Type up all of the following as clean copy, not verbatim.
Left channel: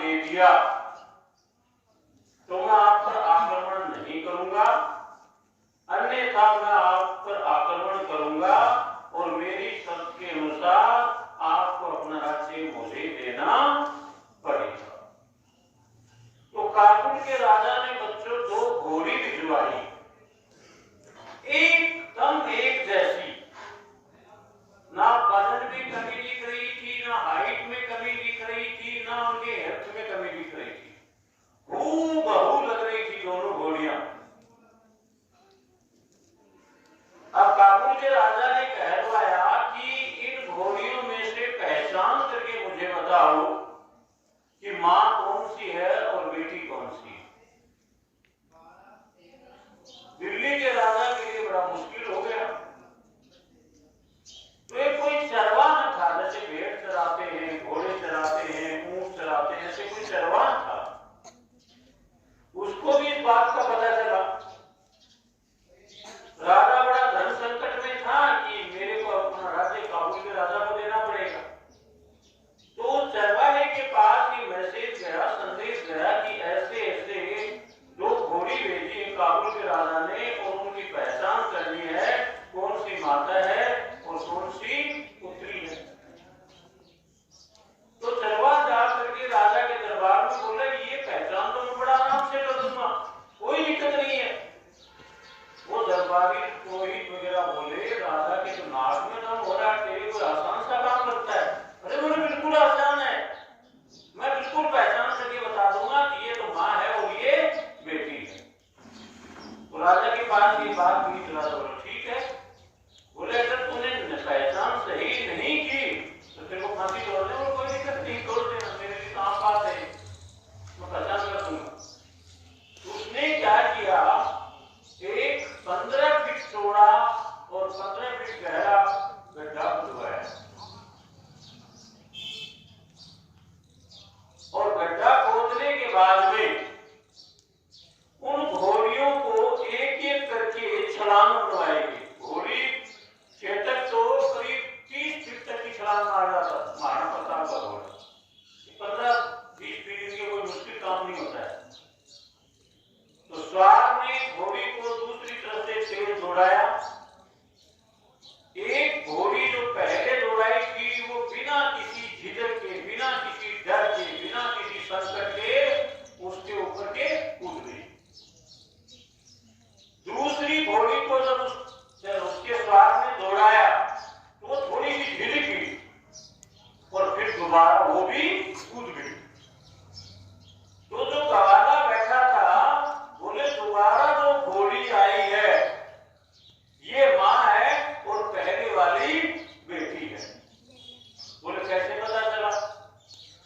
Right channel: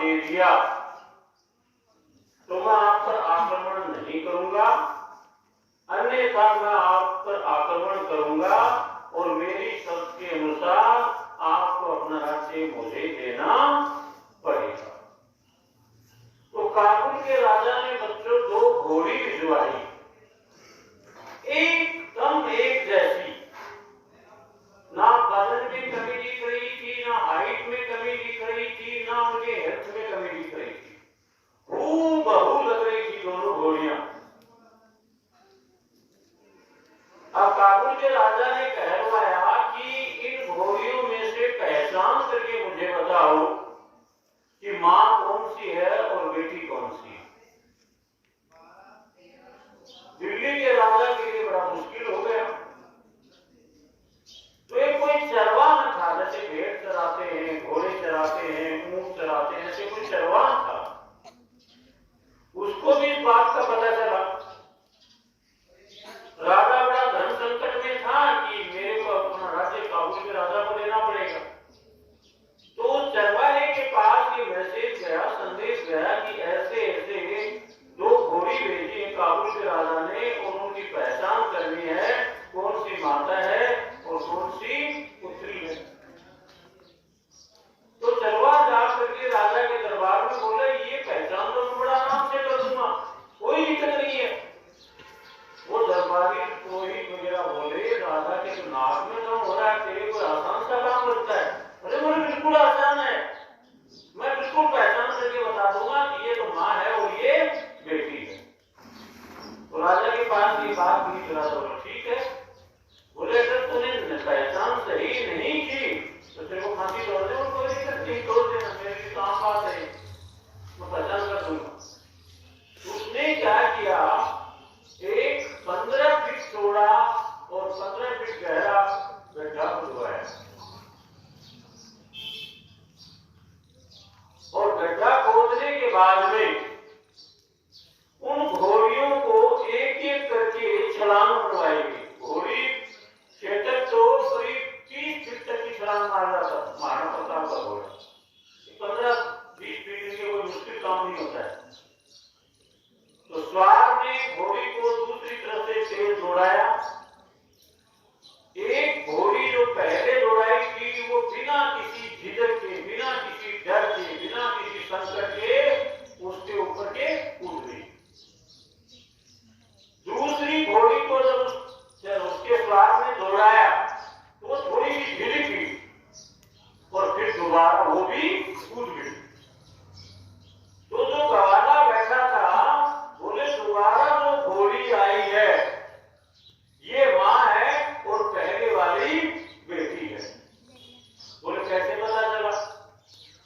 दे दिया तो मैं आप पर आक्रमण नहीं करूंगा, अन्यथा मैं आप पर आक्रमण करूंगा और मेरी शर्त के अनुसार आपको अपना राज्य मुझे देना पड़ेगा। तो काबुल के राजा ने बच्चों 2 घोड़ी भिजवाई, एकदम एक जैसी, ना वजन में कमी दिख रही थी, ना हाइट में कमी दिख रही थी, ना उनके हेल्थ में कमी दिख रही थी, हूबहू लग रही थी दोनों घोड़ियां। अब काबुल के राजा ने कहलवाया कि इन घोड़ियों में से पहचान करके मुझे बताओ कि मां कौन सी है और बेटी कौन सी है। दिल्ली के राजा के लिए बड़ा मुश्किल हो गया। तो एक कोई चरवाहा था, जैसे भेड़ चराते हैं, घोड़े चराते हैं, ऊंट चराते हैं, ऐसे कोई चरवाहा था, उसको भी इस बात का पता चला। राजा बड़ा धन संकट में था कि मेरे को अपना राज्य काबुल के राजा को देना पड़ेगा। तो चरवाहे के पास ये मैसेज गया, संदेश गया कि ऐसे ऐसे 2 घोड़ी भेजी है काबुल के राजा ने और उनकी पहचान करनी है, कौन सी माता है और कौन सी पुत्री है। तो चरवाहा जाकर के राजा के दरबार में बोले ये पहचान तो मैं बड़ा आराम से कर दूंगा, कोई दिक्कत नहीं है। वो दरबारी पुरोहित वगैरह बोले राजा के तो नाक में दम हो रहा है, तेरे को आसान सा काम लगता है। अरे बोले बिल्कुल आसान है, मैं बिल्कुल पहचान करके बता दूंगा कि ये तो माँ है और ये बेटी है। तो राजा के पास ये बात की, बोले ठीक है। बोले अगर तूने पहचान सही नहीं की तो तेरे को फांसी तोड़ दे, कोई दिक्कत नहीं, तोड़ देना, मेरे काम बात है, मैं पहचान कर दूंगा। उसने क्या किया, एक 15 फीट चौड़ा और 15 फीट गहरा गड्ढा खुदवाया और गड्ढा खोदने के बाद में उन घोड़ियों को एक एक करके छलांग बनवाएगी। घोड़ी चेतक तो करीब 30 फीट तक की छलांग मारना पड़ता था घोड़ा, 15-20 फीट के कोई मुश्किल काम नहीं होता है। तो स्वार ने घोड़ी को दूसरी तरफ से तेज दौड़ाया। एक घोड़ी जो पहले दौड़ाई थी वो बिना किसी झिझक के, बिना किसी डर के, बिना किसी संकट के उसके ऊपर के कूद गई। दूसरी घोड़ी को जब उसके स्वार ने दौड़ाया तो वो थोड़ी सी झिझकी और फिर दोबारा वो भी कूद गई। तो जो गवाला बैठा था बोले दोबारा जो घोड़ी आई है ये माँ है और पहले वाली बेटी है। बोले कैसे पता चला?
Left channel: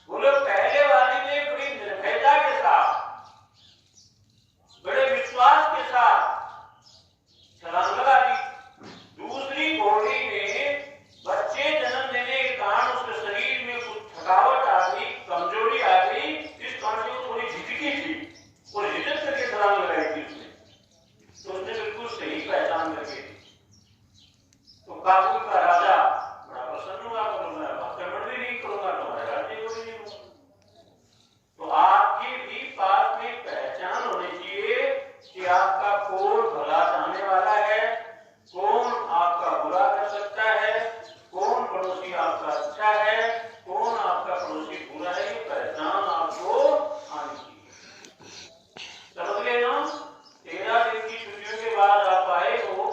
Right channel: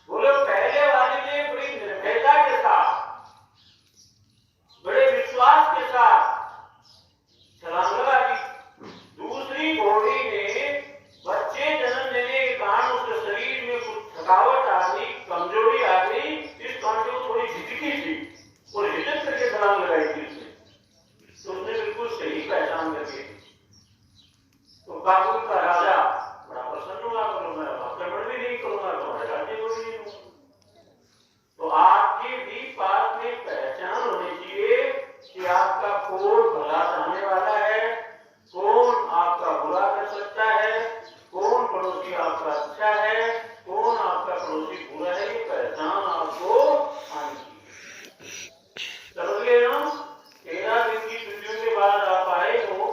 बोले पहले वाली ने बड़ी निर्भयता के साथ, बड़े विश्वास के साथ छलांग लगा दी। दूसरी घोड़ी ने बच्चे जन्म देने के कारण उसके शरीर में कुछ थकावट आ गई, कमजोरी आ गई, इस कारण से थोड़ी झिझकी थी और हिजक करके छलांग लगाई थी उसने। तो उसने बिल्कुल सही पहचान करके। तो काबुल का राजा बड़ा प्रसन्न हुआ, तो मैं आक्रमण भी नहीं करूंगा, तुम्हारे राज्य को भी नहीं दूंगा। तो आपकी भी पास में पहचान होनी चाहिए कि आपका कौन भला चाहने वाला है, कौन आपका बुरा कर सकता है, कौन पड़ोसी आपका अच्छा है, कौन आपका पड़ोसी बुरा है, ये पहचान आपको आनी चाहिए। समझ गए ना? 13 दिन की छुट्टियों के बाद आप आए हो।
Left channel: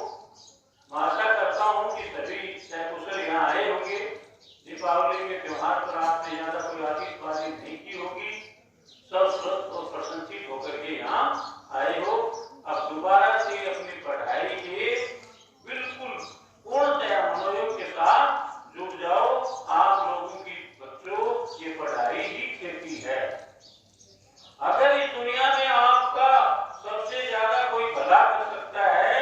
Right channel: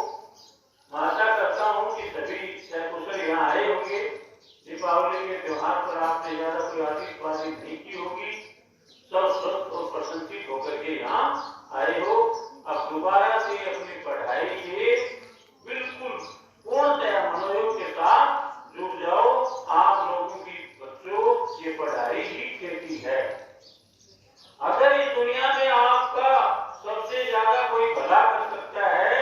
आशा करता हूँ कि सभी सकुशल यहाँ आए होंगे। दीपावली के त्योहार पर आपने ज्यादा कोई आतिशबाजी नहीं की होगी, सब स्वस्थ और प्रसन्नचित होकर के यहाँ आए हो। अब दोबारा से अपनी पढ़ाई के बिल्कुल पूर्णतया मनोयोग के साथ जुड़ जाओ। आप लोगों की बच्चों ये पढ़ाई ही खेती है। अगर इस दुनिया में आपका सबसे ज्यादा कोई भला कर सकता है